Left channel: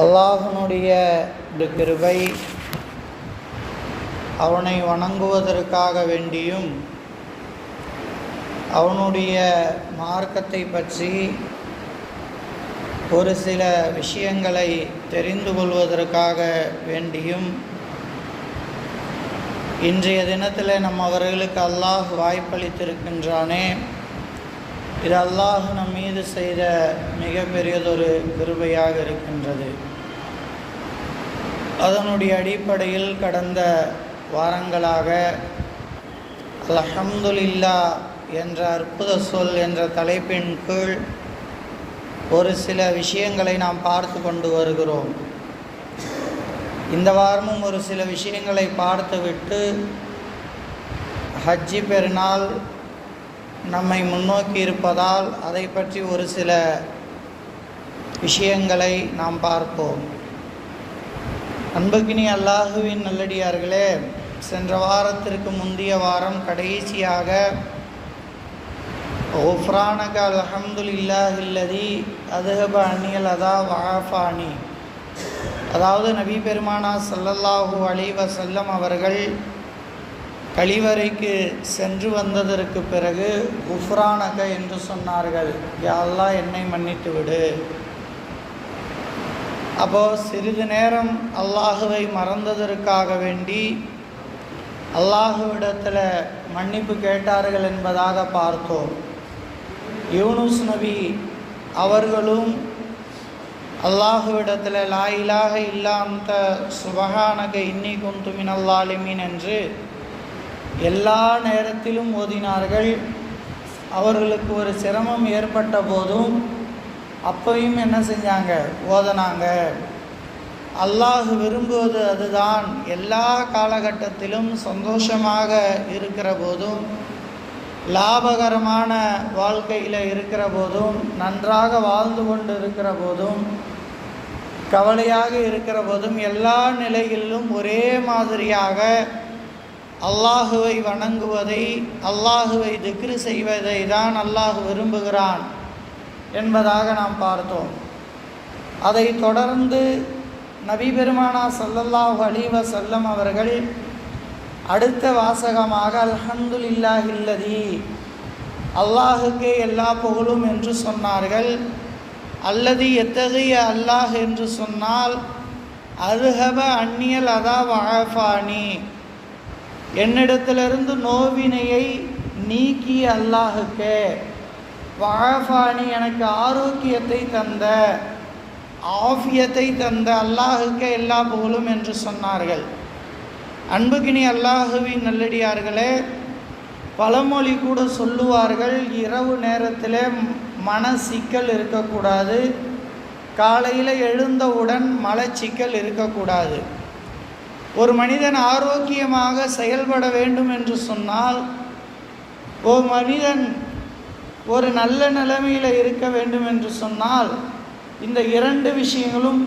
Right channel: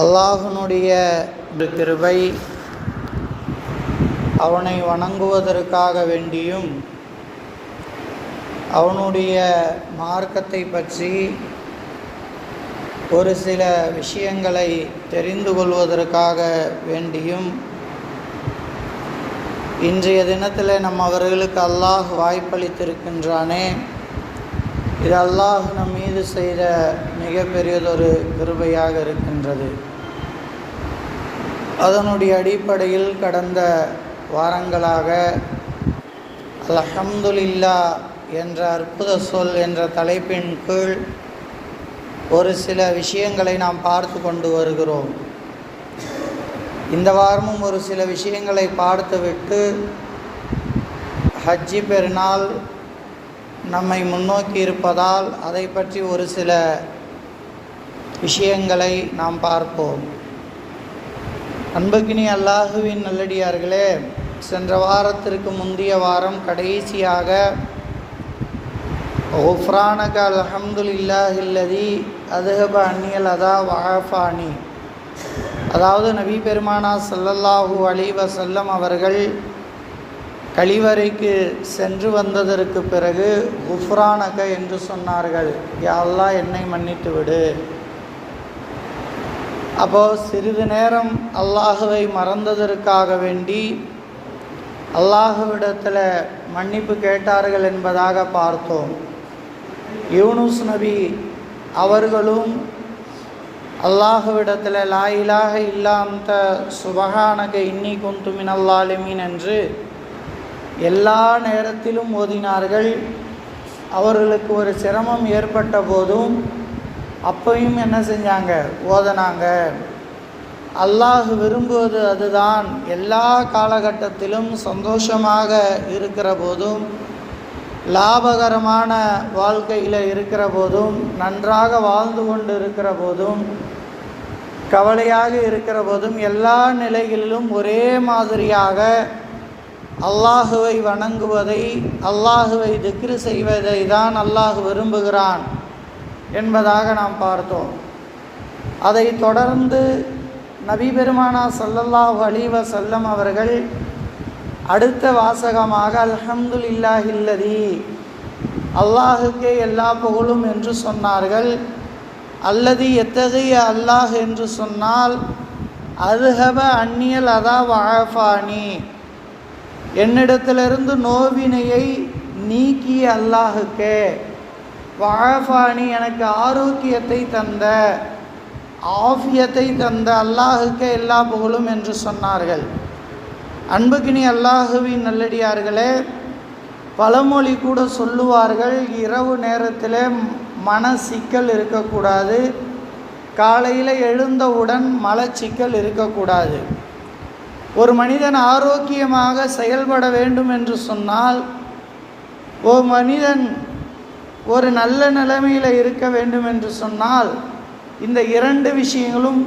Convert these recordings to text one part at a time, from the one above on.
அல்லாஹ்வுடைய கிருபை, அவனை வணங்குவதற்காக வேண்டியும் அவனுடைய மார்க்கத்தை பற்றி ஒரு சில விஷயங்களை தெரிந்து கொள்வதற்காக வேண்டியும் இன்றைய தினத்தில் அவர்களுக்கு அல்லாஹ் வாய்ப்பளித்திருக்கின்றானே, இது அல்லாஹ் நம் மீது செய்த மிகப்பெரியதொரு கிருபையாக இருக்கின்றது. அதனுடைய அடிப்படையில் கடந்த வாரங்களாக அல்ஹம்துலில்லாஹ் என்ற அற்புத சொல் என்ற தலைப்பின் கீழ் ஒரு சில விஷயங்களை நாம் பார்த்து கொண்டு வருகிறோம். இந்த வாரமும் ஒரு சில விஷயங்களை பார்த்துவிட்டு ஹஜ்ஜி பெருநாள் நம்மை முன்னோக்கி இருப்பதால் அதை பற்றி ஒரு சில விஷயங்களை நாம் பார்ப்போம். அன்புக்கினி அல்லாஹுவின் நல்லடியார்களே, சென்ற வாரத்திற்கு முந்தைய வாரம் கடைசியாக குஃப்ரானக அல்ஹம்துலில்லாஹில்லதி அதுஹப அன்னியல் அதா வஆஃபானி, அதாவது நபி பெருமானா ஸல்லல்லாஹு அலைஹி வஸல்லம் அவர்கள் கழிவறைக்கு சென்று வந்ததற்கு பிறகு குஃப்ரானக என்று சொன்னார்கள், யா அல்லாஹ் என்னை மன்னித்து விடு. அப்போது சிறிது நேரம் அல்லாஹுவை மறந்ததற்காக வேண்டி அல்லாஹுவிடத்தில் மன்னிப்பு கேட்டார்கள் என்பதாக பார்த்தோம். யூனுஸ் நபி அவர்களும் அல்லாஹுவிடத்தில் லா இலாஹ இல்லா அன்த சுபஹானக இன்னி குன்து மினல் ஸாலிமீன் என்று எல்லா நேரத்திலும் ஓதினார்கள். அவர்களுக்கு ஒரு சிரமம் ஏற்பட்ட போதும் அப்பையும் என்ன செஞ்சாங்க, ஓதனாங்க. அல்லாஹ் விரும்புவது அதுதான். எல்லா காலகட்டத்திலும் சந்தோஷமாக இருக்கிற போதும், லாபகரமான வாழ்க்கையில் இருக்கிற போதும், நன்றாக வாழ்ந்து கொண்டு இருக்கிற போதும், கவலையாக இருக்கிற போதும், எல்லா நிலைகளிலும் ஒரே மாதிரியாக அல்லாஹுவை வணங்குவதை, அல்லாஹுவை திக்ரு செய்வதை தான் அல்லாஹ் விரும்புகிறான் என்பதாக நாம் பார்த்தோம். அதை தொடர்ந்து நபி பெருமானா ஸல்லல்லாஹு அலைஹி வஸல்லம் அவர்கள் அடுத்த வாசகமாக அல்ஹம்துலில்லாஹில்லதி, அல்லாஹுக்கே எல்லா புகழும் என்று சொன்னார்கள். அல்லதி எத்தகைய அல்லாஹ் என்று சொன்னால் அதுஹப அன்னியல் அதா வஆஃபானி, என்னிடத்திலிருந்து நோவினையை நீக்கிய அல்லாஹுக்கே, வஆஃபானி எனக்கு ஆரோக்கியத்தை தந்த, ஆஃபியத்தை தந்த அல்லாஹுக்கே எல்லா புகழும் என்று சொன்னார்கள். அன்புக்கினி அல்லாஹுவின் நல்லடியார்களே, பழமொழி கூட சொல்லுவார்கள், இரவு நேரத்தில் மன சிக்கல் இருக்கக்கூடாது, காலையில் எழுந்தவுடன் மலச்சிக்கல் இருக்கக்கூடாது. ஒரு மனிதன் ஆரோக்கியமாக செயல்பட வேண்டும் என்று சொன்னால், ஒரு மனிதன் ஒரு நல்ல நிலைமையில் இருக்க வேண்டும் என்று சொன்னால், இந்த இரண்டு விஷயங்களும்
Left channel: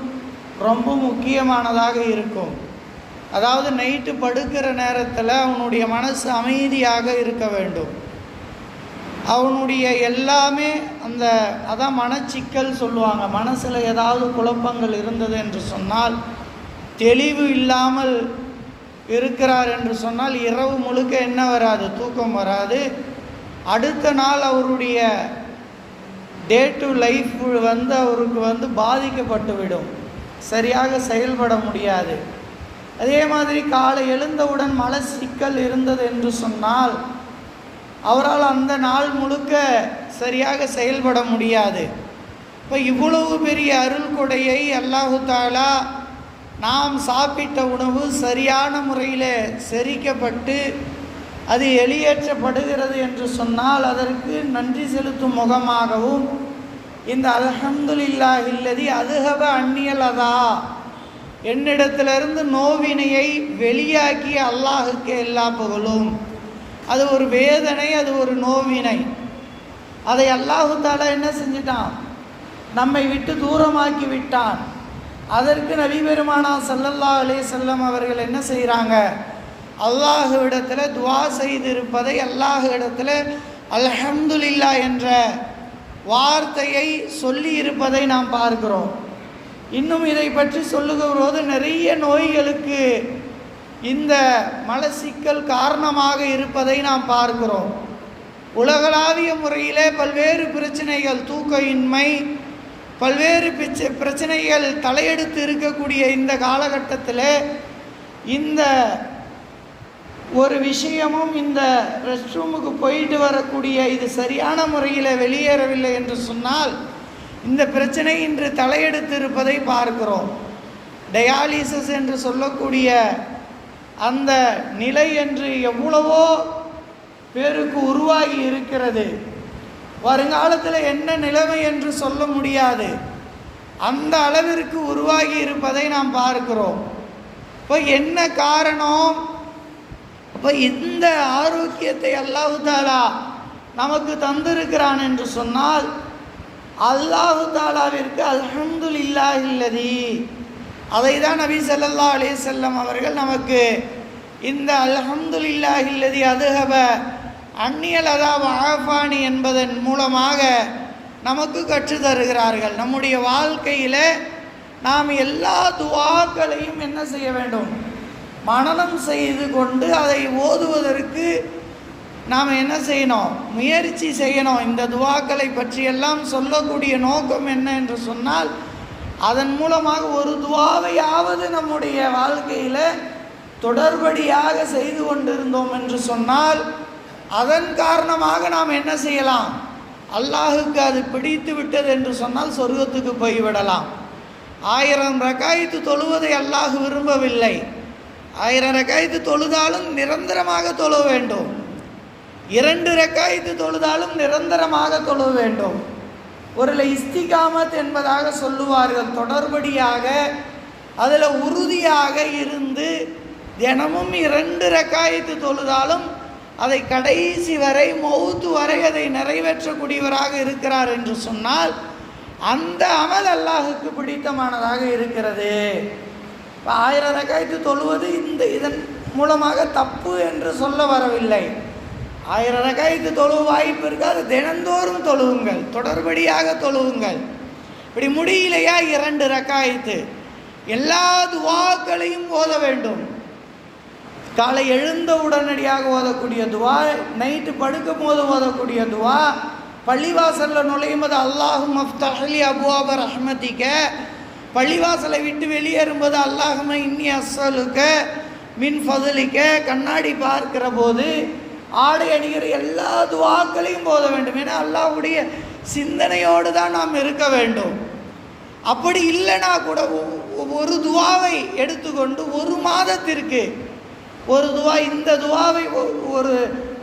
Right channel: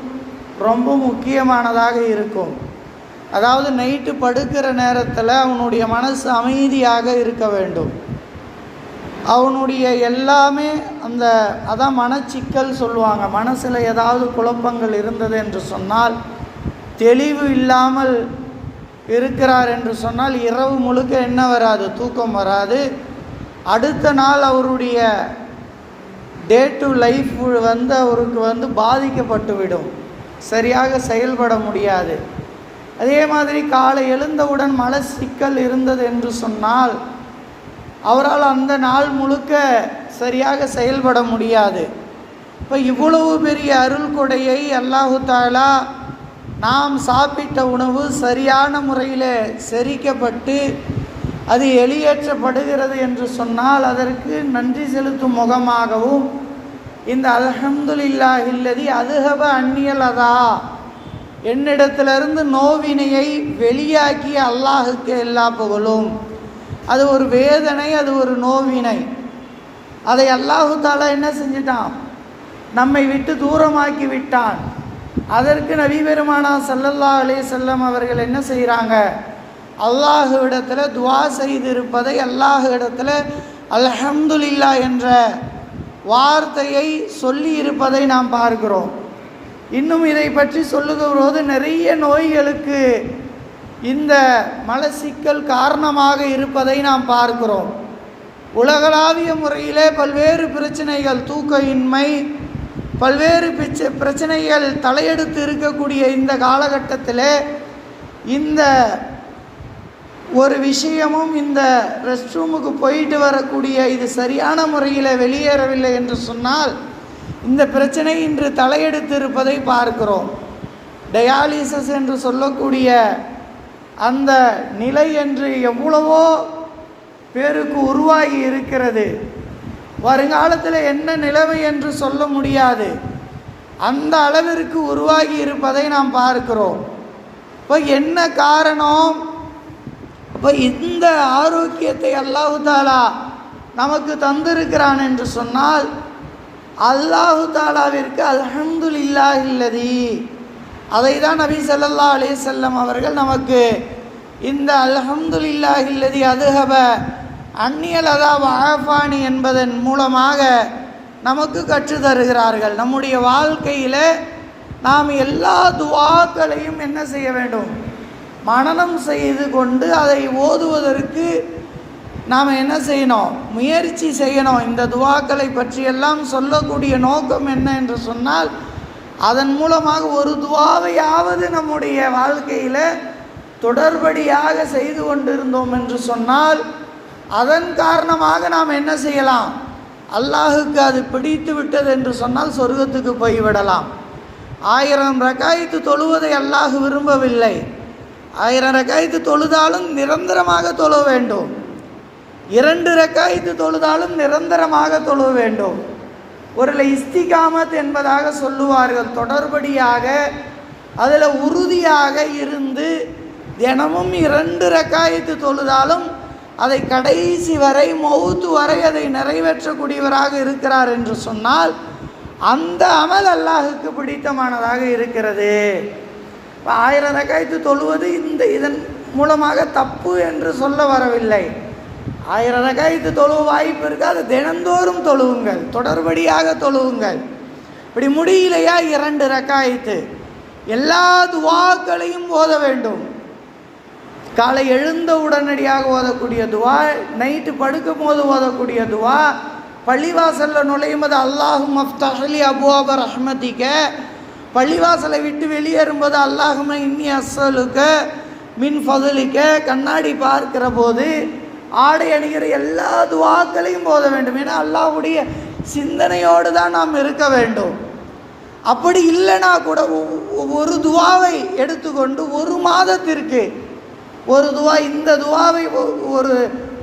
ரொம்ப முக்கியமானதாக இருக்கும். அதாவது நைட்டு படுக்கிற நேரத்தில் அவனுடைய மனசு அமைதியாக இருக்க வேண்டும். அவனுடைய எல்லாமே அதான் மனச்சிக்கல் சொல்லுவாங்க. மனசில் ஏதாவது குழப்பங்கள் இருந்தது என்று சொன்னால், தெளிவு இல்லாமல் இருக்கிறார் என்று சொன்னால் இரவு முழுக்க என்ன வராது, தூக்கம் வராது. அடுத்த நாள் அவருடைய டே டு லைஃப் அவருக்கு பாதிக்கப்பட்டுவிடும், சரியாக செயல்பட முடியாது. அதே மாதிரி காலை எழுந்தவுடன் மன சிக்கல் இருந்தது என்று சொன்னால் அவரால் அந்த நாள் முழுக்க சரியாக செயல்பட முடியாது. இப்போ இவ்வளவு பெரிய அருள் கொடையை அல்லாஹு தஆலா நாம் சாப்பிட்ட உணவு சரியான முறையில் செரிக்கப்பட்டு அது வெளியேற்றப்படுகிறது என்று சொன்னால் அதற்கு நன்றி செலுத்தும் முகமாகவும் இந்த அல்ஹம்துலில்லாஹில்லதி அதுஹப அன்னியல் அதா, என்னிடத்திலிருந்து நோவினையை வெளியாக்கிய அல்லாஹுக்கு எல்லா புகழும். அது ஒரு வேதனை, அது ஒரு நோவினை. அதை அல்லாஹு தஆலா என்ன செஞ்சிட்டான், நம்மை விட்டு தூரமாக்கி விட்டான். அதற்கு நபி பெருமானா ஸல்லல்லாஹு அலைஹி வஸல்லம் அவர்கள் என்ன செய்கிறாங்க, அல்லாஹுவிடத்தில் துஆ செய்திருப்பதை, அல்லாஹுவிடத்தில் அல்ஹம்துலில்லாஹ் என்ற வார்த்தையை சொல்லி இருப்பதை நாம் பார்க்கிறோம். இன்னும் இதை பற்றி சொல்லுகிறபோது நிறைய நோய்களுக்கு இந்த மலச்சிக்கல் காரணமாக இருப்பதை நாம் பார்க்கிறோம். உலகளாவிய முறையிலே பல்வேறு பிரச்சனைகள், தூக்கயின்மை, பல்வேறு பிரச்சனைகள் தலையெடுத்து இருக்கக்கூடிய இந்த காலகட்டத்தில் இந்த ஒரு விஷயமும், இந்த ரெஸ்ட் ரூமுக்கு போயிட்டு வரக்கூடிய இது சரியான முறையில் வெளியேறவில்லை என்று சொன்னால் இந்த பிரச்சனை இன்று தலையெடுத்து இருப்பதை பார்க்கிறோம். டயாலிசிஸ் என்று சொல்லக்கூடிய அந்த நிலை என்று எவ்வளவோ பேருக்கு உருவாகி இருக்கிறது. வருங்காலத்தில் என்ன நிலைமை என்று சொல்ல முடியாது, அந்த அளவிற்கு உருவாகி இருப்பதை நாம் பார்க்கிறோம். இப்போ என்ன காரணம்? இப்போ இந்த ஆரோக்கியத்தை அல்லாஹு தாலா நமக்கு தந்திருக்கிறான் என்று சொன்னால் அல்லாஹு தாலாவிற்கு அல்ஹம்துலில்லாஹில்லதி, அதை தான் நபி ஸல்லல்லாஹு அலைஹி வஸல்லம் அவர்கள் நமக்கு இந்த அல்ஹம்துலில்லாஹில்லதி அதுஹப அந்நியல் அதாவ ஆஃபானி என்பதன் மூலமாக நமக்கு கற்று தருகிறார்கள். நம்முடைய வாழ்க்கையில் நாம் எல்லா துஆக்களையும் என்ன செய்ய வேண்டும்? மனனம் செய்து கொண்டு அதை ஓதுவதற்கு நாம் என்ன செய்யணும்? முயற்சி செய்யணும். இந்த துஆக்களை பற்றியெல்லாம் சொல்லக்கூடிய நோக்கம் என்ன என்று சொன்னால், அதன் மூலமாக ஒரு துஆவையாவது நம்முடைய வாழ்க்கையில் தொடர்படியாக செய்து கொண்டிருந்தோம் என்று சொன்னால் அதன் காரணமாக நாம் என்ன செய்யலாம்? அல்லாஹுக்கு அது பிடித்து விட்டது என்று சொன்னால் சொர்க்கத்துக்கு போய்விடலாம். 1000 ரக்காயத்து தொழுவதை அல்லாஹ் விரும்பவில்லை. 1000 ரக்காயத்து தொழுதாலும் நிரந்தரமாக தொழ வேண்டும். 2 ரக்காயத்து தொழுதாலும் நிரந்தரமாக தொழ வேண்டும். ஒரு இஸ்திகாமத் என்பதாக சொல்லுவார்கள். தொடர்படியாக அதில் உறுதியாக இருந்து தினமும் 2 ரக்காயத்து தொழுதாலும் அதை கடைசி வரை, மௌத்து வரை அதை நிறைவேற்றக்கூடியவராக இருக்கிறார் என்று சொன்னால் அந்த அமல் அல்லாஹுக்கு பிடித்தமானதாக இருக்கிறது. 1000 ரக்காயத்து தொழுவது இதன் மூலமாக தப்பு என்று சொல்ல வரவில்லை. 1000 ரக்காயத்து தொழுவ வாய்ப்பு இருக்குது, அது தினந்தோறும் தொழுவுங்கள், தொடர்படியாக தொழுவுங்கள். இப்படி முடியலையா 2 ரக்காயத்து, எல்லா துஆக்களையும் ஓத வேண்டும். காலை எழுந்த உடனடியாக ஓதக்கூடிய துஆ, நைட்டு படுக்கும் போது ஓதக்கூடிய துஆ, பள்ளிவாசலில் நுழையும் போது அல்லாஹும்ம அஃப்தஹ்லி அபுவாப ரஹ்மதிக, பள்ளிவாசலை விட்டு வெளியேறும்போது அல்லாஹும்ம இன்னி அஸ்ஸலுக மின் ஃபதுலிக, கண்ணாடி பார்க்கிற போது, ஆடை அணிகிற எல்லா துஆக்களையும் ஓத வேண்டும். ஏன்னா அல்லாஹ்வுடைய சிந்தனையோடு தான் நாம் இருக்க வேண்டும். அப்படி இல்லைனா கூட ஒரு துஆவை எடுத்துக்கொண்டு ஒரு மாதத்திற்கு ஒரு துஆ, இந்த துஆவை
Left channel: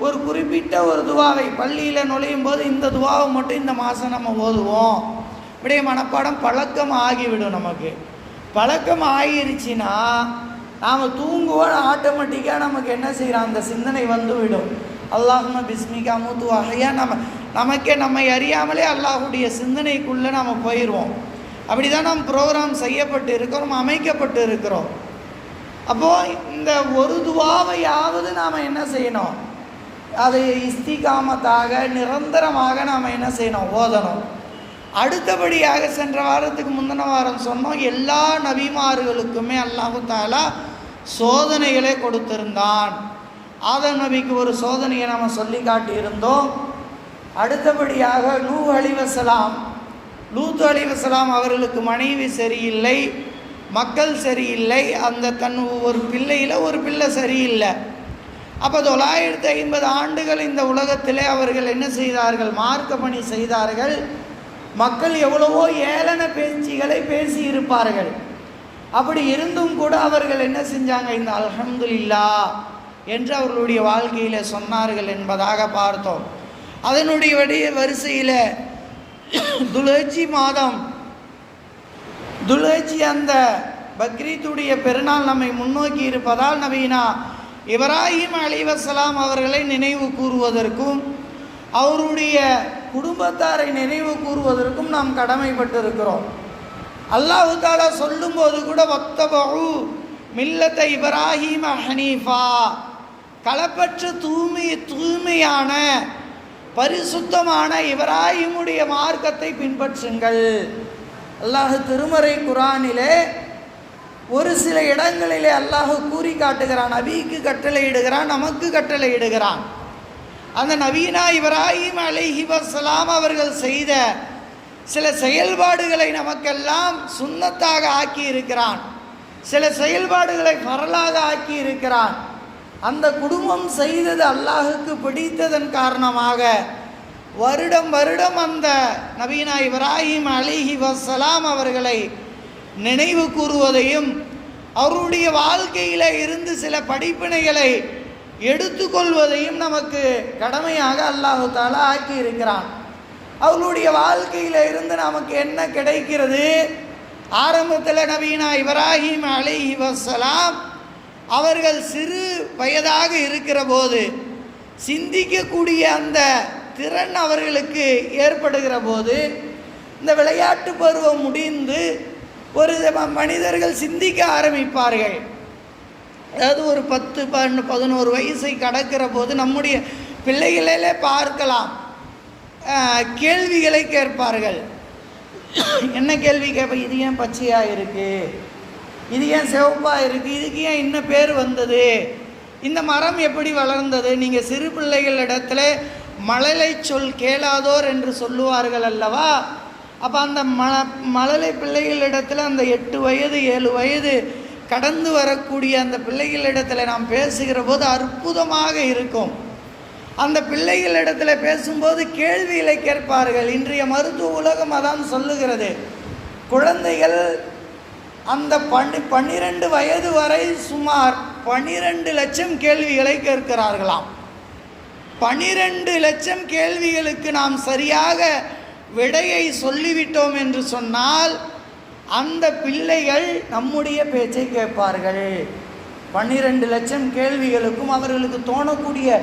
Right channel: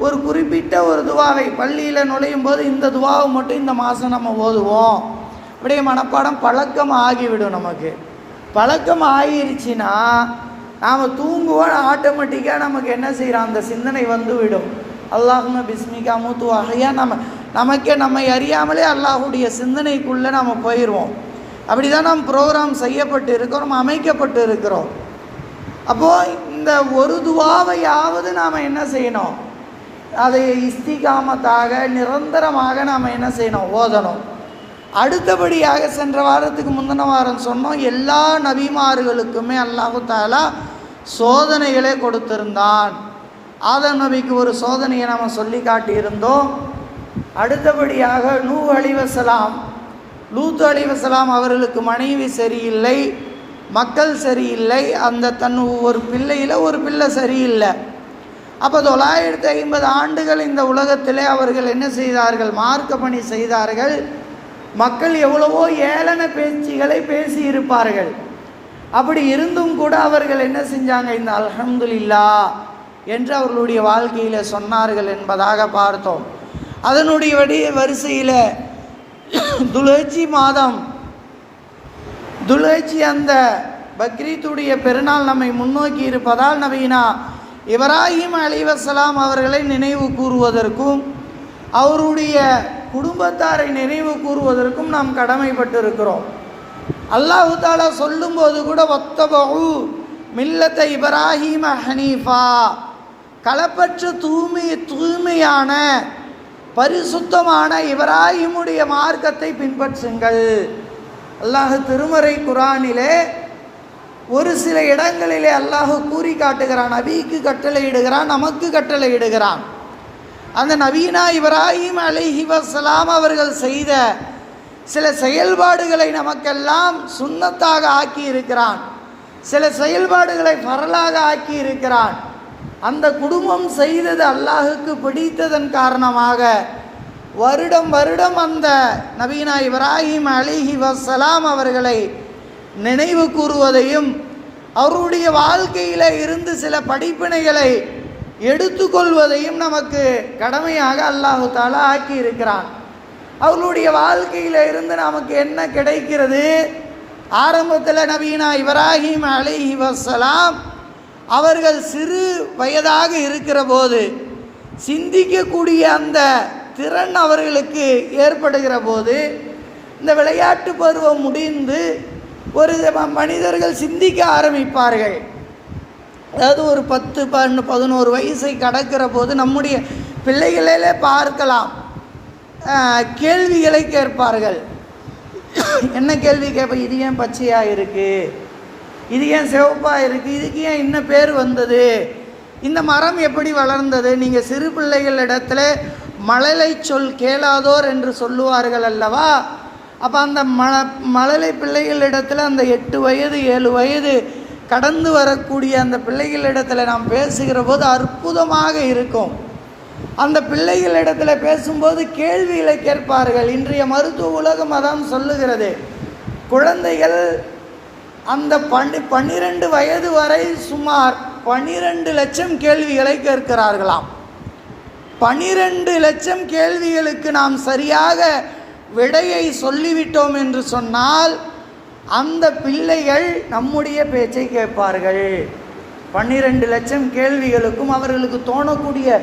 ஒரு குறிப்பிட்ட ஒரு துஆவை பள்ளியில் நுழையும் போது இந்த துஆவை மட்டும் இந்த மாதம் நம்ம ஓதுவோம். அப்படியே மனப்பாடம் பழக்கம் ஆகிவிடும். நமக்கு பழக்கம் ஆகிருச்சுன்னா நாம் தூங்குவோம், ஆட்டோமேட்டிக்காக நமக்கு என்ன செய்கிறோம்? அந்த சிந்தனை வந்து விடும். அல்லாஹும்ம பிஸ்மிகா மூத்து வகையா நமக்கே நம்மை அறியாமலே அல்லாஹுடைய சிந்தனைக்குள்ளே நாம் போயிடுவோம். அப்படி தான் நாம் ப்ரோக்ராம் செய்யப்பட்டு இருக்கிறோம், அமைக்கப்பட்டு இருக்கிறோம். அப்போது இந்த ஒரு துஆவையாவது நாம் என்ன செய்யணும்? அதை இஸ்திகாமத்தாக நிரந்தரமாக நாம் என்ன செய்யணும்? ஓதணும். அடுத்தபடியாக சென்ற வாரத்துக்கு முந்தின வாரம் சொன்னோம், எல்லா நபிமார்களுக்குமே அல்லாஹு தஆலா சோதனைகளே கொடுத்திருந்தான். ஆதம் நபிக்கு ஒரு சோதனையை நாம் சொல்லி காட்டியிருந்தோம். அடுத்தபடியாக நூஹ் அலைஹிஸ்ஸலாம், லூத் அலைஹிஸ்ஸலாம் அவர்களுக்கு மனைவி சரியில்லை, மக்கள் சரியில்லை, அந்த தன் ஒரு பிள்ளையில் ஒரு பிள்ளை சரியில்லை. அப்போ 950 ஆண்டுகள் இந்த உலகத்திலே அவர்கள் என்ன செய்தார்கள்? மார்க்க பணி செய்தார்கள். மக்கள் எவ்வளவோ ஏளன பேச்சுகளை பேசியிருப்பார்கள். அப்படி இருந்தும் கூட அவர்கள் என்ன செஞ்சாங்க? இந்த அல்ஹம்துலில்லாஹ் என்று அவர்களுடைய வாழ்க்கையில் சொன்னார்கள் என்பதாக பார்த்தோம். அதனுடைய வரிசையில் துல்ஹஜ் மாதம், துல்ஹஜ் அந்த பக்ரீத்துடைய பெருநாள் நம்மை முன்னோக்கி இருப்பதால் நபீனா இப்ராஹிம் அலைஹிஸ்ஸலாம் அவர்களை நினைவு கூறுவதற்கும் அவருடைய குடும்பத்தாரை நினைவு கூறுவதற்கும் நாம் கடமைப்பட்டு இருக்கிறோம். அல்லாஹு தஆலா சொல்லும்போது கூட வத்தபஉ மில்லத்த இப்ராஹிம ஹனீஃபா, களப்பற்ற தூய்மையான பரிசுத்தமான இப்ராஹிமுடைய மார்க்கத்தை பின்பற்றுங்கள். அல்லாஹ் திருமறை குர்ஆனிலே ஒரு சில இடங்களிலே அல்லாஹ் கூறி காட்டுகிறான், நபிக்கு கட்டளையிடுகிறான், நமக்கு கட்டளையிடுகிறான். அந்த நபீனா இப்ராஹிம் அலைஹி வஸலாம் அவர்கள் செய்த சில செயல்பாடுகளை நமக்கெல்லாம் சுன்னத்தாக ஆக்கி இருக்கிறான், சில செயல்பாடுகளை ஃபரலாக ஆக்கி இருக்கிறான். அந்த குடும்பம் செய்தது அல்லாஹுக்கு பிடித்ததன் காரணமாக வருடம் வருடம் அந்த நபீனா இப்ராஹிம் அலைஹி வஸலாம் அவர்களை நினைவு கூறுவதையும் அவருடைய வாழ்க்கையில் இருந்து சில படிப்பினைகளை எடுத்துக்கொள்வதையும் நமக்கு கடமையாக அல்லாஹு தஆலா ஆக்கி இருக்கிறான். அவர்களுடைய வாழ்க்கையில் இருந்து நமக்கு என்ன கிடைக்கிறது? ஆரம்பத்தில் நபீனா இப்ராஹிம் அலைஹி வஸலாம் அவர்கள் சிறு வயதாக இருக்கிற போது சிந்திக்கக்கூடிய அந்த திறன் அவர்களுக்கு ஏற்படுகிற போது, இந்த விளையாட்டு பருவம் முடிந்து ஒரு மனிதர்கள் சிந்திக்க ஆரம்பிப்பார்கள். அதாவது ஒரு 10, 12, 11 வயசை கடக்கிற போது நம்முடைய பிள்ளைகளிலே பார்க்கலாம், கேள்விகளை கேட்பார்கள். என்ன கேள்வி கேட்ப? இது ஏன் பச்சையாக இருக்குது, இது ஏன் சிவப்பாக இருக்குது, இதுக்கு ஏன் இன்ன பேர் வந்தது, இந்த மரம் எப்படி வளர்ந்தது? நீங்கள் சிறு பிள்ளைகளிடத்தில் மழலை சொல் கேளாதோர் என்று சொல்லுவார்கள் அல்லவா? அப்போ அந்த மழலை பிள்ளைகளிடத்தில் அந்த 8 வயது 7 வயது கடந்து வரக்கூடிய அந்த பிள்ளைகளிடத்தில் நாம் பேசுகிற போது அற்புதமாக இருக்கும். அந்த பிள்ளைகளிடத்தில் பேசும்போது கேள்விகளை கேட்பார்கள். இன்றைய மருத்துவ உலகம் அதான் சொல்லுகிறது, குழந்தைகள் அந்த 12 வயது வரை சுமார் 12 லட்சம் கேள்விகளை கேட்கிறார்களாம். 12 லட்சம் கேள்விகளுக்கு நாம் சரியாக விடையை சொல்லிவிட்டோம் என்று சொன்னால் அந்த பிள்ளைகள் நம்முடைய பேச்சை கேட்பார்கள். 12 லட்சம் கேள்விகளுக்கும் அவர்களுக்கு தோணக்கூடிய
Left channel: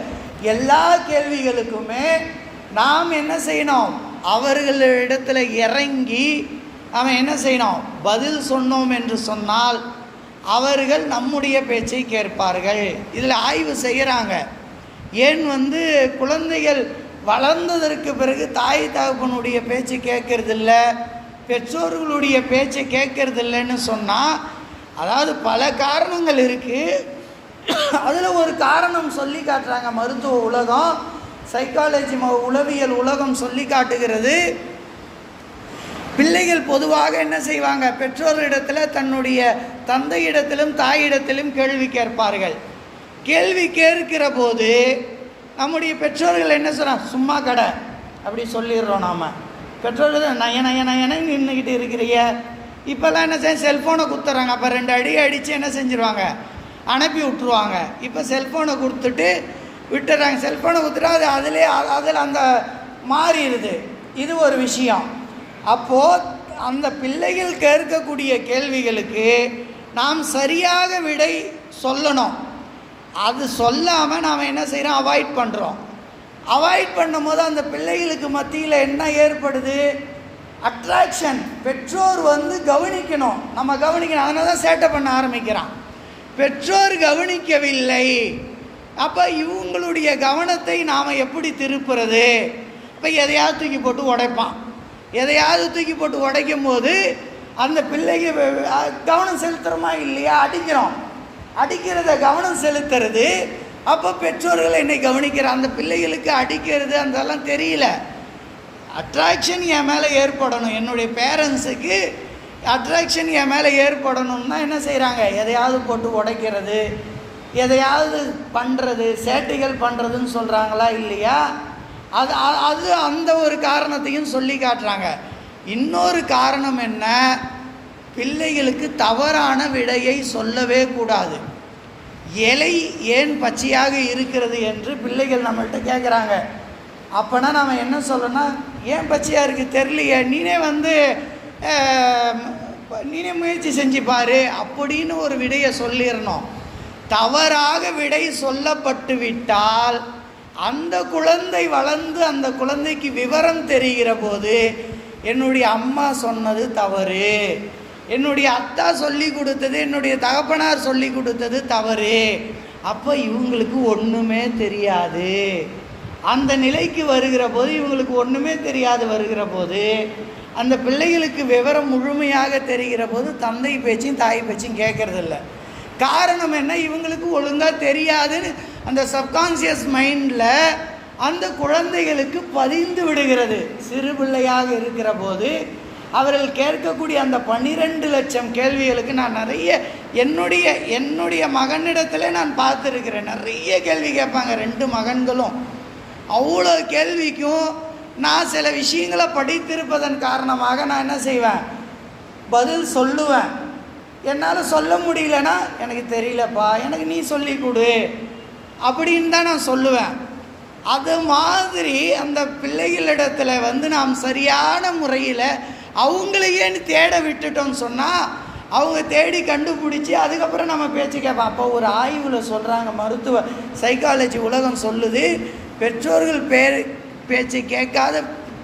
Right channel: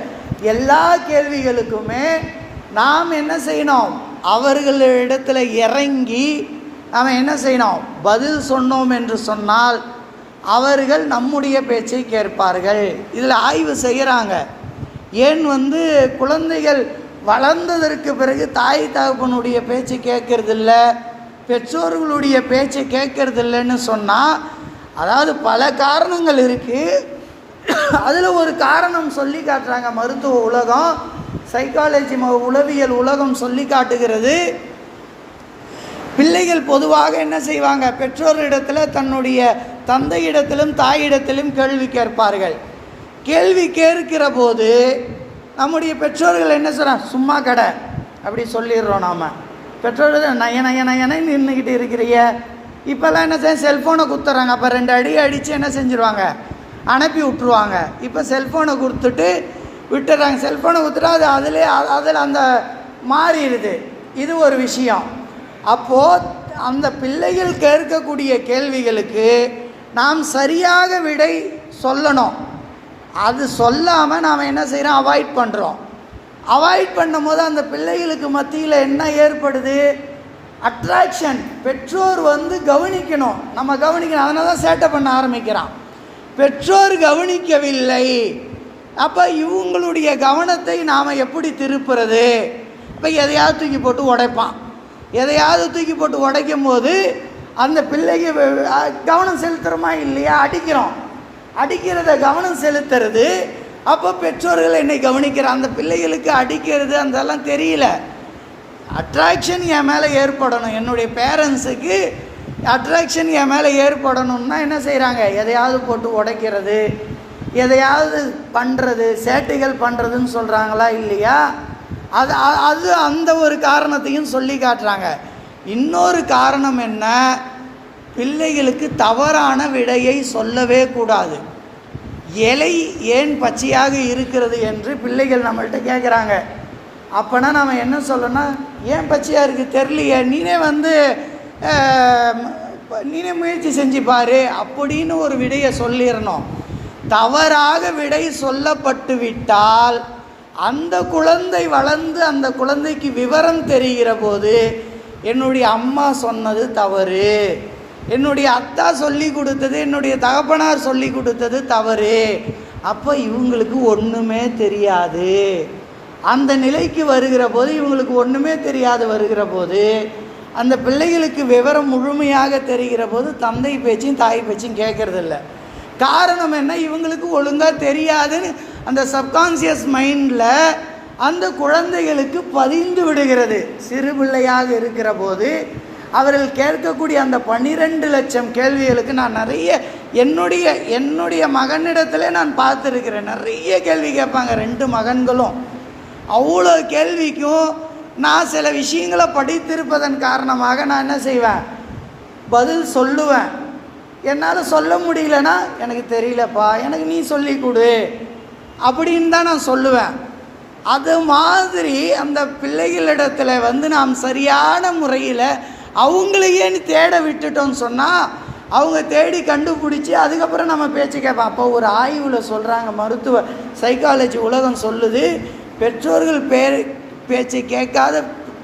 எல்லா கேள்விகளுக்குமே நாம் என்ன செய்யணும்? அவர்களிடத்தில் இறங்கி நாம் என்ன செய்யணும்? பதில் சொன்னோம் என்று சொன்னால் அவர்கள் நம்முடைய பேச்சை கேட்பார்கள். இதில் ஆய்வு செய்கிறாங்க. ஏன் குழந்தைகள் வளர்ந்ததற்கு பிறகு தாய் தகப்பனுடைய பேச்சு கேட்கறதில்ல, பெற்றோர்களுடைய பேச்சை கேட்கறதில்லைன்னு சொன்னால், அதாவது பல காரணங்கள் இருக்குது. அதில் ஒரு காரணம் சொல்லி காட்டுறாங்க மருத்துவ உலகம், சைக்காலஜி உளவியல் உலகம் சொல்லி காட்டுகிறது. பிள்ளைகள் பொதுவாக என்ன செய்வாங்க? பெற்றோரிடத்தில் தன்னுடைய தந்தையிடத்திலும் தாயிடத்திலும் கேள்வி கேட்பார்கள். கேள்வி கேட்கிற போது நம்முடைய பெற்றோர்கள் என்ன சொல்கிறாங்க? சும்மா கடை அப்படி சொல்லிடுறோம். நாம் பெற்றோர்கள் நய நய நயனை நின்றுக்கிட்டு இருக்கிறீங்க. இப்போல்லாம் என்ன செய்ய? செல்ஃபோனை கொடுத்துட்றாங்க. அப்போ 2 அடி அடித்து என்ன செஞ்சுருவாங்க? அனுப்பி விட்ருவாங்க. இப்போ செல்ஃபோனை கொடுத்துட்டு விட்டுறாங்க. செல்ஃபோனை கொடுத்துட்டா அதில் அந்த மாறிடுது. இது ஒரு விஷயம். அப்போது அந்த பிள்ளைகள் கேட்கக்கூடிய கேள்விகளுக்கு நாம் சரியாக விடை சொல்லணும். அது சொல்லாமல் நாம் என்ன செய்கிறோம்? அவாய்ட் பண்ணுறோம். அவாய்ட் பண்ணும்போது அந்த பிள்ளைகளுக்கு மத்தியில் என்ன ஏற்படுது? அட்ராக்ஷன். பெற்றோர் கவனிக்கணும், நம்ம கவனிக்கணும். அதனால தான் சேட்டை பண்ண ஆரம்பிக்கிறான். பெற்றோர் கவனிக்கவில்லை. அப்போ இவங்களுடைய கவனத்தை நாம் எப்படி திருப்புறது? இப்போ எதையாவது தூக்கி போட்டு உடைப்பான். எதையாவது தூக்கி போட்டு உடைக்கும் போது அந்த பிள்ளைக்கு கவனம் செலுத்துகிறோமா இல்லையா? அடிக்கிறோம். அடிக்கிறத கவனம் செலுத்துறது. அப்போ பெற்றோர்கள் என்னை கவனிக்கிற அந்த பிள்ளைகளுக்கு அடிக்கிறது அதெல்லாம் தெரியல. அட்ராக்ஷன் என் மேலே ஏற்படணும், என்னுடைய பேரண்ட்ஸுக்கு அட்ராக்ஷன் என் மேலே ஏற்படணும்னா என்ன செய்கிறாங்க? எதையாவது போட்டு உடைக்கிறது, எதையாவது பண்ணுறது, சேட்டைகள் பண்ணுறதுன்னு சொல்கிறாங்களா இல்லையா? அது அந்த ஒரு காரணத்தையும் சொல்லி காட்டுறாங்க. இன்னொரு காரணம் என்ன? பிள்ளைகளுக்கு தவறான விடையை சொல்லவே கூடாது. இலை ஏன் பச்சையாக இருக்கிறது என்று பிள்ளைகள் நம்மள்கிட்ட கேட்குறாங்க. அப்போனா நம்ம என்ன சொல்லணும்? ஏன் பச்சையாக இருக்குது தெரியலையே, நீனே முயற்சி செஞ்சு பாரு அப்படின்னு ஒரு விடையை சொல்லிடணும். தவறாக விடை சொல்லப்பட்டு விட்டால் அந்த குழந்தை வளர்ந்து அந்த குழந்தைக்கு விவரம் தெரிகிற போது என்னுடைய அம்மா சொன்னது தவறு, என்னுடைய அத்தா சொல்லி கொடுத்தது, என்னுடைய தகப்பனார் சொல்லி கொடுத்தது தவறு, அப்போ இவங்களுக்கு ஒன்றுமே தெரியாது. அந்த நிலைக்கு வருகிற போது, இவங்களுக்கு ஒன்றுமே தெரியாது வருகிற போது அந்த பிள்ளைகளுக்கு விவரம் முழுமையாக தெரிகிற போது தந்தை பேச்சும் தாய் பேச்சும் கேட்கறதில்ல. காரணம் என்ன? இவங்களுக்கு ஒழுங்காக தெரியாதுன்னு அந்த சப்கான்சியஸ் மைண்டில் அந்த குழந்தைகளுக்கு பதிந்து விடுகிறது. சிறு பிள்ளையாக இருக்கிற போது அவர்கள் கேட்கக்கூடிய அந்த 12 லட்சம் கேள்விகளுக்கு நான் நிறைய என்னுடைய மகனிடத்தில் நான் பார்த்துருக்கிறேன். நிறைய கேள்வி கேட்பாங்க 2 மகன்களும். அவ்வளோ கேள்விக்கும் நான் சில விஷயங்களை படித்திருப்பதன் காரணமாக நான் என்ன செய்வேன், பதில் சொல்லுவேன். என்னால் சொல்ல முடியலன்னா எனக்கு தெரியலப்பா, எனக்கு நீ சொல்லி கொடு அப்படின்னு தான் நான் சொல்லுவேன். அது மாதிரி அந்த பிள்ளைகளிடத்தில் நாம் சரியான முறையில் அவங்களையேன்னு தேட விட்டுட்டோன்னு சொன்னால் அவங்க தேடி கண்டுபிடிச்சி அதுக்கப்புறம் நம்ம பேச்சு கேட்போம். அப்போ ஒரு ஆய்வில் சொல்கிறாங்க, மருத்துவ சைக்காலஜி உலகம் சொல்லுது, பெற்றோர்கள் பேச்சை கேட்காத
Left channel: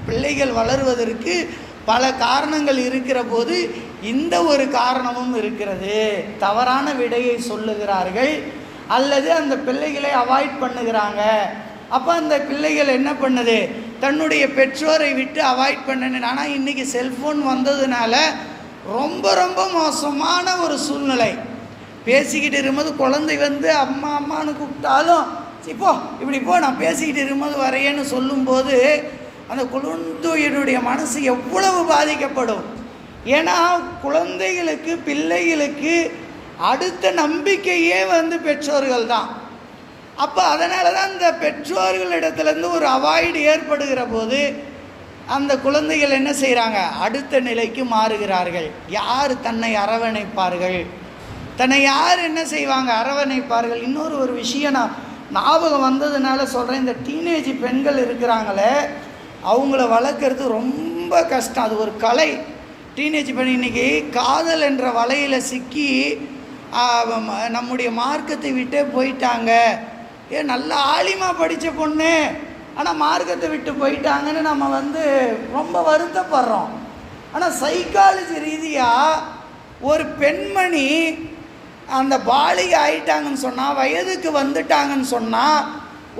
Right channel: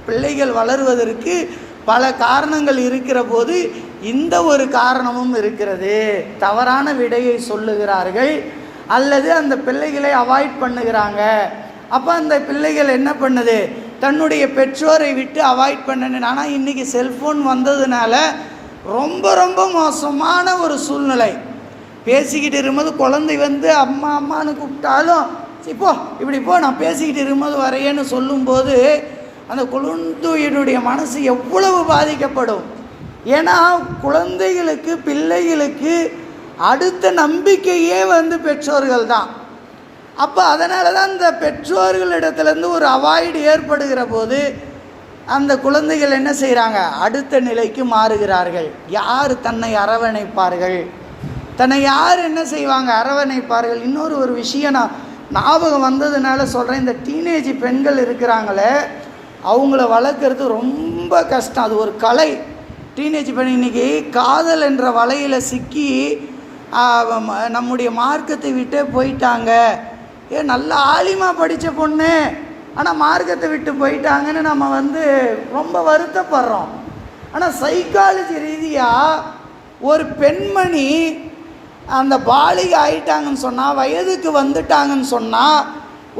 பிள்ளைகள் வளருவதற்கு பல காரணங்கள் இருக்கிற போது இந்த ஒரு காரணமும் இருக்கிறது. தவறான விடையை சொல்லுகிறார்கள் அல்லது அந்த பிள்ளைகளை அவாய்ட் பண்ணுகிறாங்க. அப்போ அந்த பிள்ளைகள் என்ன பண்ணுது, தன்னுடைய பெற்றோரை விட்டு அவாய்ட் பண்ணணும். ஆனால் இன்றைக்கி செல்ஃபோன் வந்ததுனால ரொம்ப ரொம்ப மோசமான ஒரு சூழ்நிலை. பேசிக்கிட்டு இருக்கும்போது குழந்தை அம்மா அம்மானு கூப்பிட்டாலும் இப்போ இப்படி போ, நான் பேசிக்கிட்டு இருக்கும்போது வரையேன்னு சொல்லும்போது அந்த குழந்தையினுடைய மனசு எவ்வளவு பாதிக்கப்படும். ஏன்னா குழந்தைகளுக்கு பிள்ளைகளுக்கு அடுத்த நம்பிக்கையே பெற்றோர்கள் தான். அப்போ அதனால தான் இந்த பெற்றோர்களிடத்துலேருந்து ஒரு அவாய்டு ஏற்படுகிற போது அந்த குழந்தைகள் என்ன செய்கிறாங்க, அடுத்த நிலைக்கு மாறுகிறார்கள். யார் தன்னை அரவணைப்பார்கள், தன்னை யார் என்ன செய்வாங்க, அரவணைப்பார்கள். ஒரு விஷயம் நான் ஞாபகம் வந்ததுனால சொல்கிறேன். இந்த டீனேஜ் பெண்கள் இருக்கிறாங்களே, அவங்கள வளர்க்குறது ரொம்ப கஷ்டம். அது ஒரு கலை. டீனேஜ் பெண் இன்றைக்கி காதல் என்ற வலையில் சிக்கி நம்முடைய மார்க்கத்தை விட்டே போயிட்டாங்க. நல்ல ஆலிமா படித்த பொண்ணு ஆனால் மார்க்கத்தை விட்டு போயிட்டாங்கன்னு நம்ம ரொம்ப வருத்தப்படுறோம். ஆனால் சைக்காலஜி ரீதியாக ஒரு பெண்மணி அந்த பாலிகை ஆயிட்டாங்கன்னு சொன்னால், வயதுக்கு வந்துட்டாங்கன்னு சொன்னால்,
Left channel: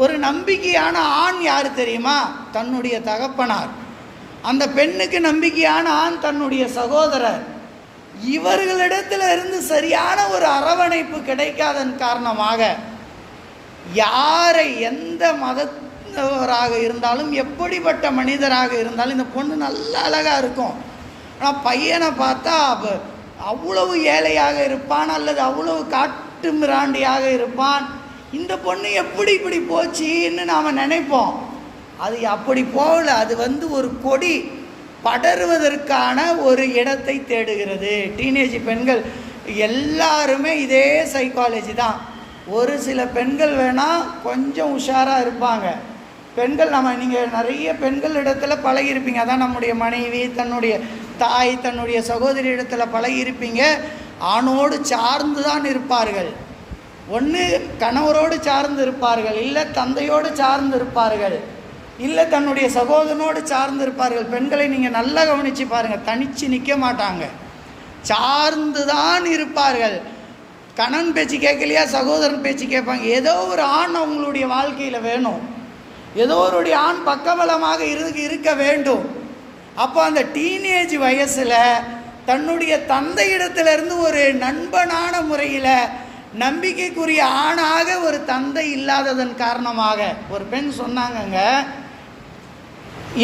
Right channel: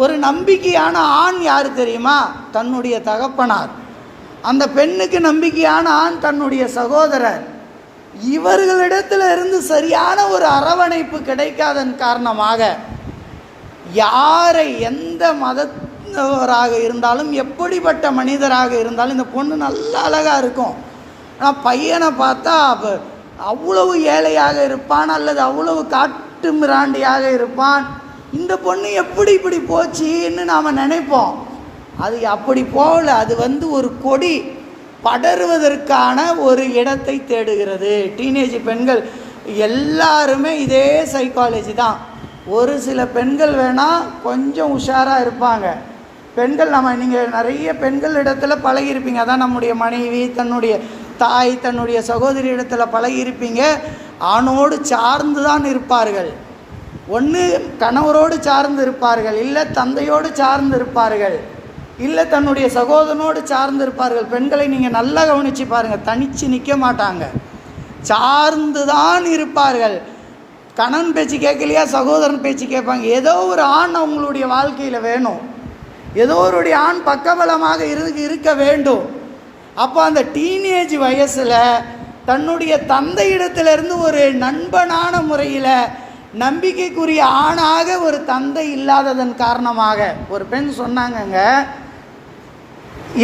ஒரு நம்பிக்கையான ஆண் யார் தெரியுமா, தன்னுடைய தகப்பனார். அந்த பெண்ணுக்கு நம்பிக்கையான ஆண் தன்னுடைய சகோதரர். இவர்களிடத்தில் இருந்து சரியான ஒரு அரவணைப்பு கிடைக்காதன் காரணமாக யாரை எந்த மதத்தவராக இருந்தாலும் எப்படிப்பட்ட மனிதராக இருந்தாலும் இந்த பொண்ணு நல்லா அழகாக இருக்கும். ஆனால் பையனை பார்த்தா அவ்வளவு ஏழையாக இருப்பான் அல்லது அவ்வளவு காட்டு மிராண்டியாக இருப்பான். இந்த பொண்ணு எப்படி இப்படி போச்சுன்னு நாம் நினைப்போம். அது அப்படி போகல. அது ஒரு கொடி படருவதற்கான ஒரு இடத்தை தேடுகிறது. டீனேஜ் பெண்கள் எல்லாருமே இதே சைக்காலஜி தான். ஒரு சில பெண்கள் வேணால் கொஞ்சம் உஷாராக இருப்பாங்க. பெண்கள் நீங்கள் நிறைய பெண்கள் இடத்துல பழகியிருப்பீங்க. அதான் நம்முடைய மனைவி, தன்னுடைய தாய், தன்னுடைய சகோதரி இடத்துல பழகியிருப்பீங்க. ஆணோடு சார்ந்து தான் இருப்பார்கள். ஒன்று கணவரோடு சார்ந்து இருப்பார்கள், இல்லை தந்தையோடு சார்ந்து இருப்பார்கள், இல்லை தன்னுடைய சகோதரனோடு சார்ந்து இருப்பார்கள். பெண்களை நீங்கள் நல்லா கவனித்து பாருங்கள், தனித்து நிற்க மாட்டாங்க, சார்ந்து தான் இருப்பார்கள். கணவன் பேச்சு கேட்கலையா, சகோதரன் பேச்சு கேட்பாங்க. ஏதோ ஒரு ஆண் அவங்களுடைய வாழ்க்கையில் வேணும், ஏதோ ஒரு ஆண் பக்கபலமாக இருக்க வேண்டும். அப்போ அந்த டீனேஜ் வயசில் தன்னுடைய தந்தையிடத்திலிருந்து ஒரு நண்பனான முறையில் நம்பிக்கைக்குரிய ஆணாக ஒரு தந்தை இல்லாததன் காரணமாக ஒரு பெண் சொன்னாங்கங்க,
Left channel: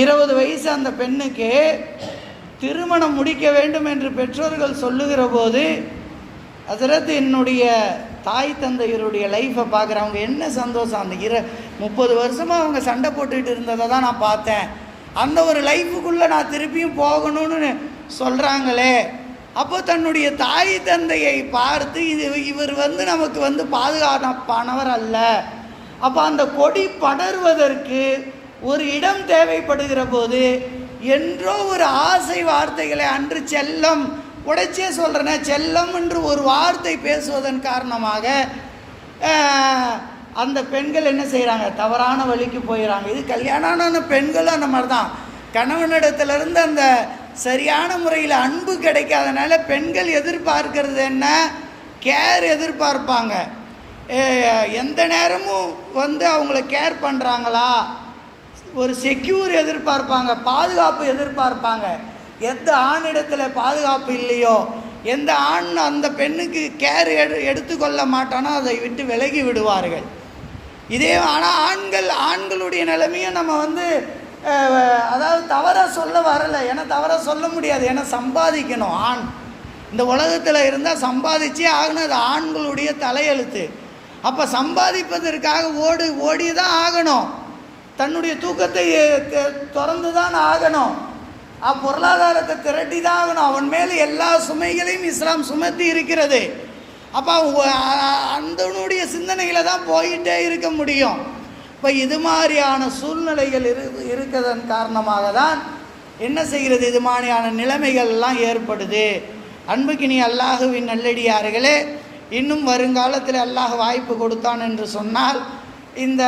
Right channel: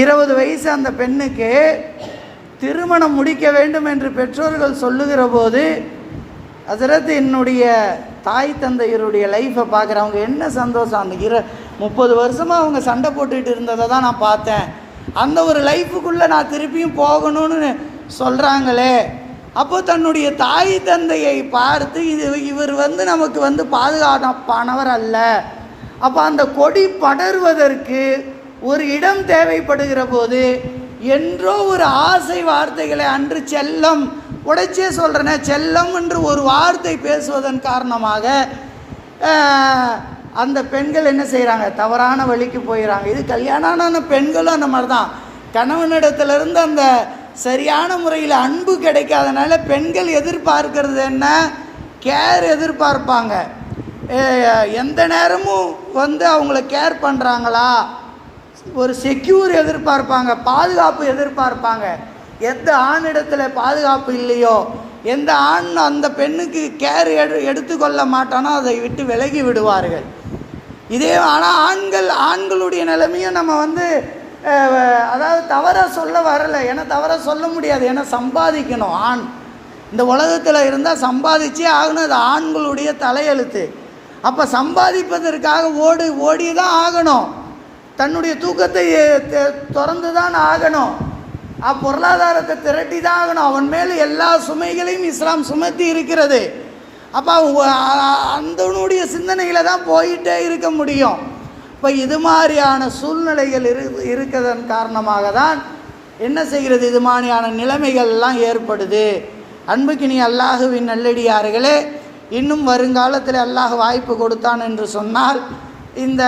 20 வயசு அந்த பெண்ணுக்கு திருமணம் முடிக்க வேண்டும் என்று பெற்றோர்கள் சொல்லுகிற போது, ஹசரத் என்னுடைய தாய் தந்தையருடைய லைஃப்பை பார்க்குறவங்க என்ன சந்தோஷம். அந்த 30 வருஷமாக அவங்க சண்டை போட்டுக்கிட்டு இருந்ததை தான் நான் பார்த்தேன். அந்த ஒரு லைஃபுக்குள்ளே நான் திருப்பியும் போகணும்னு சொல்கிறாங்களே. அப்போ தன்னுடைய தாய் தந்தையை பார்த்து இவர் நமக்கு பாதுகாப்பானவர் அல்ல. அப்போ அந்த கொடி படர்வதற்கு ஒரு இடம் தேவைப்படுகிற போது என்றோ ஒரு ஆசை வார்த்தைகளை, அன்று செல்லம், உடைச்சே சொல்கிறேனே, செல்லம் என்று ஒரு வார்த்தை பேசுவதன் காரணமாக அந்த பெண்கள் என்ன செய்கிறாங்க, தவறான வழிக்கு போயிடறாங்க. இது கல்யாணம் ஆன பெண்களும் அந்த மாதிரி தான். கணவனிடத்திலிருந்து அந்த சரியான முறையில் அன்பு கிடைக்காதனால பெண்கள் எதிர்பார்க்கிறது என்ன, கேர் எதிர்பார்ப்பாங்க. எந்த நேரமும் அவங்கள கேர் பண்ணுறாங்களா, ஒரு செக்யூர் எதிர்பார்ப்பாங்க, பாதுகாப்பு எதிர்பார்ப்பாங்க. எந்த ஆணிடத்தில் பாதுகாப்பு இல்லையோ, எந்த ஆண் அந்த பெண்ணுக்கு கேர் எடுத்துக்கொள்ள மாட்டானோ அதை விட்டு விலகி விடுவார்கள். இதே ஆனால் ஆண்களுடைய நிலைமையும் நம்ம அதாவது தவறாக சொல்ல வரலை. ஏன்னா தவறாக சொல்ல முடியாது. ஏன்னா சம்பாதிக்கணும். ஆண் இந்த உலகத்தில் இருந்தால் சம்பாதிச்சே ஆகணும். அது ஆண்களுடைய தலையெழுத்து. அப்போ சம்பாதிப்பதற்காக ஓடி தான் ஆகணும். தன்னுடைய தூக்கத்தை திறந்து தான் ஆகணும். பொருளாதாரத்தை திரட்டி தான் ஆகணும். அவன் மேலே எல்லா சுமைகளையும் இஸ்லாம் சுமத்தி இருக்கிறது. அப்போ அந்தனுடைய சிந்தனையில் தான் போயிட்டே இருக்க முடியும். இப்போ இது மாதிரியான சூழ்நிலைகள் இருக்கிறதன் காரணமாக தான் என்ன செய்கிறது, இது மாதிரியான நிலைமைகள்லாம் ஏற்படுது. அன்புக்கினி அல்லாஹுவின் நல்லடியார்களே, இன்னும் வருங்காலத்தில் அல்லாஹ் வாய்ப்பு கொடுத்தான் என்று சொன்னால் இந்த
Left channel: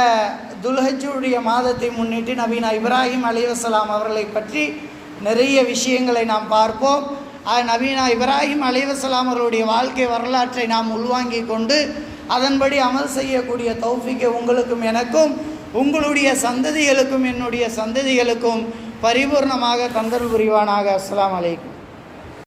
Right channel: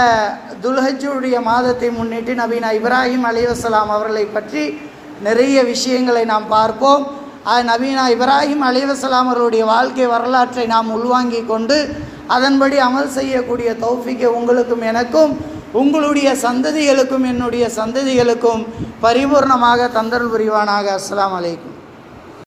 துல்ஹஜ்ஜுடைய மாதத்தை முன்னிட்டு நபீனா இப்ராஹிம் அலைஹிஸ்ஸலாம் அவர்களை பற்றி நிறைய விஷயங்களை நாம் பார்ப்போம். நபீனா இப்ராஹிம் அலைஹிஸ்ஸலாம் அவர்களுடைய வாழ்க்கை வரலாற்றை நாம் உள்வாங்கி கொண்டு அதன்படி அமல் செய்யக்கூடிய தௌஃபீக்கை உங்களுக்கும் எனக்கும் உங்களுடைய சந்ததிகளுக்கும் என்னுடைய சந்ததிகளுக்கும் பரிபூர்ணமாக தந்தருள் புரிவானாக. அஸ்ஸலாமு அலைக்கும்.